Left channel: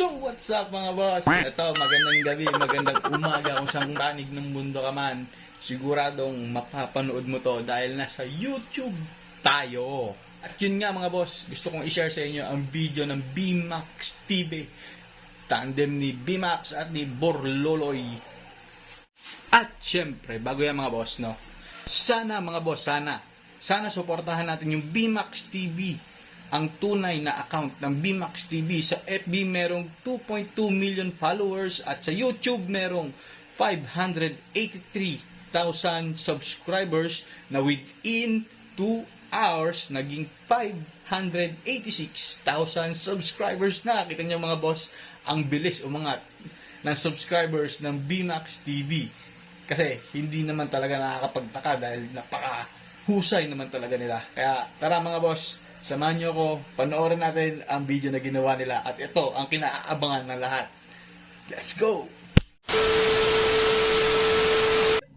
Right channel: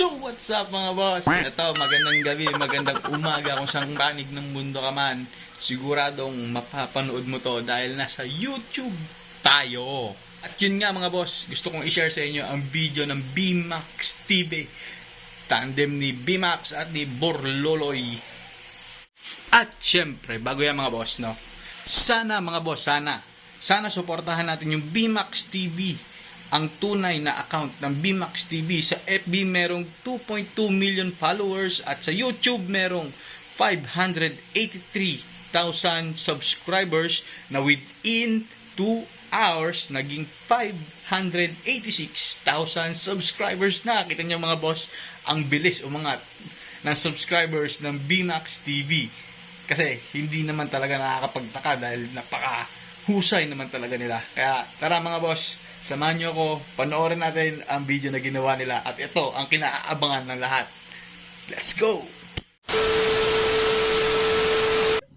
So what's up mga boss? Ito, magandang gabi, magandang umaga kung saan banig ng mundo ka man. Siguradong mapapanood mo to dahil nasa YouTube tayo. At yun nga mga boss, gusto kong i-share sa inyo ang video ng BMAX TV. Tandem ni BMAX at ni Borloloy. At syempre, bago yan mga boss, no? Sana mga boss, sana suportahan natin yung BMAX TV. Ang tunay na account ng BMAX TV. Sa FB merong 2.2 million followers at sa YouTube merong 583,000 subscribers na within 2 hours naging 586,000 subscribers na. Kita niyo mga boss, ang bilis umangat ng subscribers ng BMAX TV. Kasi hindi naman talaga nakakapagtaka dahil napakahusay naman talaga nila. Kaya tara mga boss, samahan nyo ako, panoorin natin ang video na ginawa nila. At ito ang kinaabangan ng lahat. Let's go!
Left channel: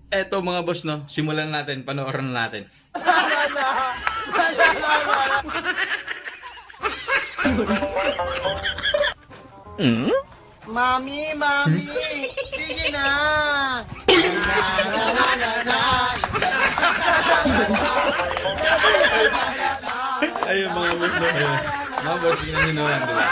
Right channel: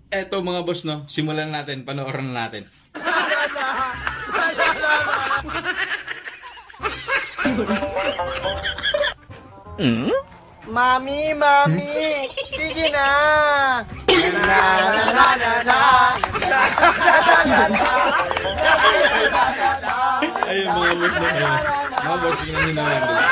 Eto mga boss, no, simulan natin, panoorin natin. Mami, mami, sige na. Ayun mga boss, no, ayun. Mga boss, tingnan nyo naman, diba?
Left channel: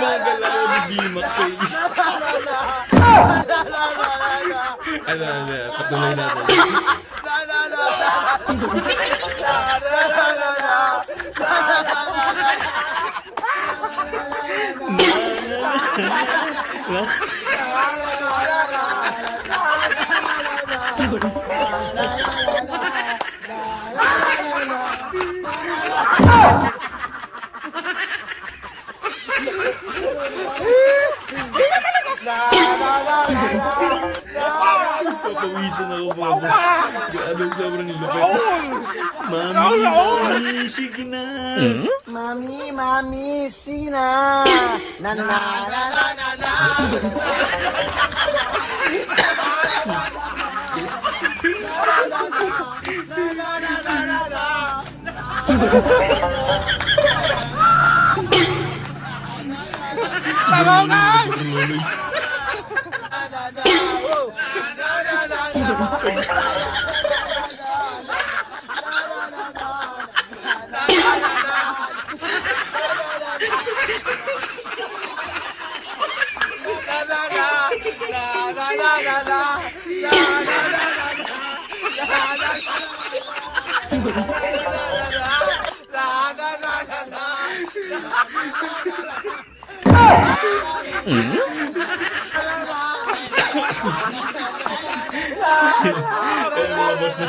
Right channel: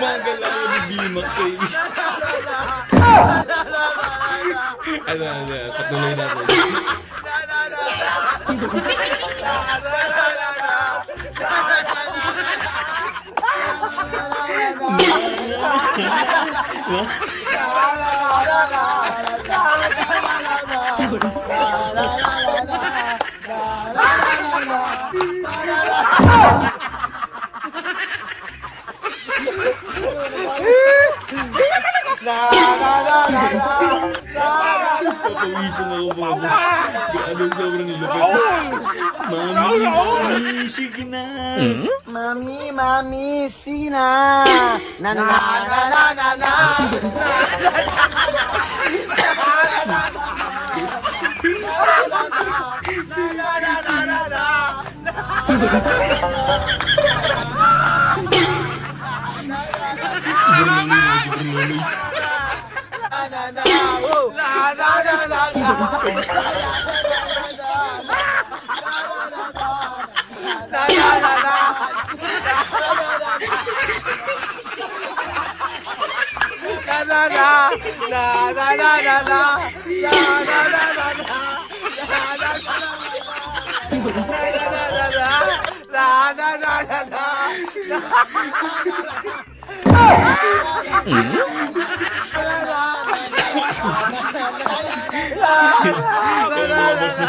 Mga galaw ni BMAX eh. Ano, patuloy natin. Papawisan ako mga boss. Grabe, sobrang nilapit. Mami, mami, sige na. Mami, mami, sige na. Na na na na na na. Borloloy. Kaya mga boss na.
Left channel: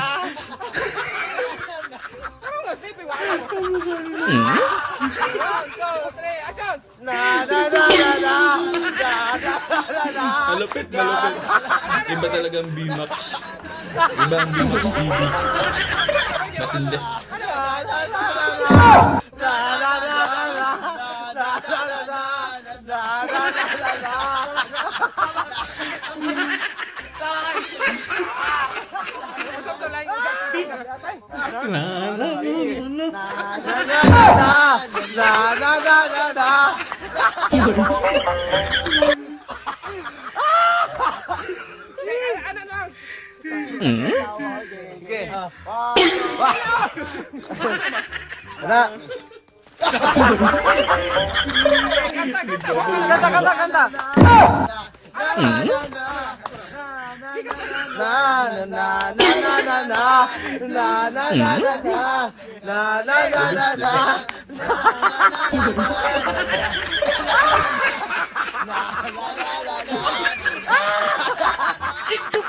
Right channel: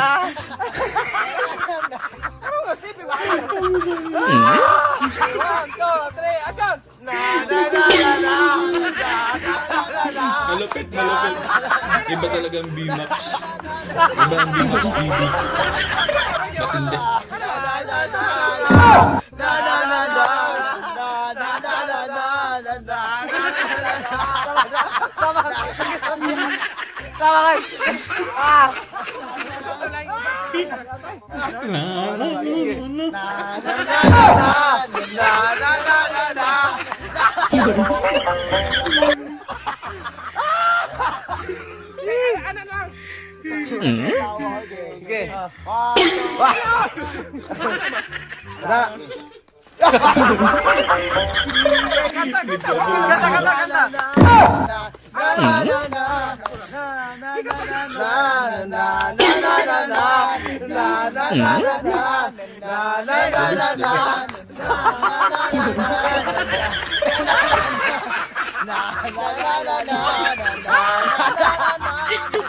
Malupit, malupit. Iba talagang BMAX. Iba ang BMAX TV. Matindi. Sige. Kanta.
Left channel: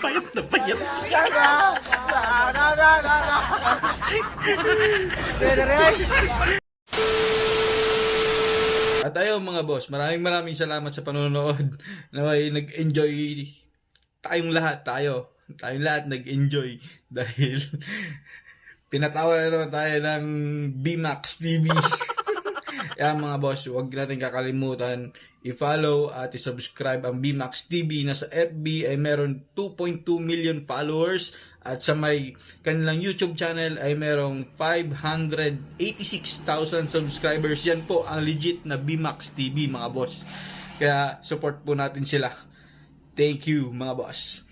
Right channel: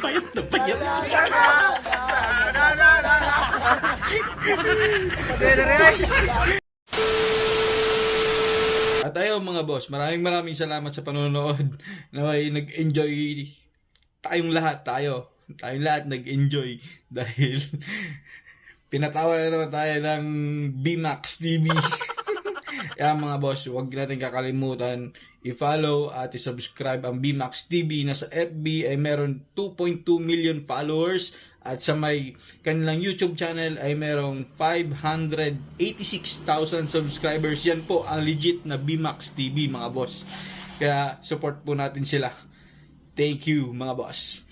Payat na payat. At ayun mga boss, maraming salamat sa panonood. Naway nag-enjoy tayong lahat, tayong lahat nag-enjoy dahil pinatawa na naman tayo ng BMAX TV. Kaya mga boss, huwag natin kakalimutan i-follow at i-subscribe ang BMAX TV na sa FB ay meron 2.2 million followers at sa may kanilang YouTube channel ay merong 586,000 subscribers. Yan po ang legit na BMAX TV mga boss. Kaya support po natin sila. Thank you mga boss.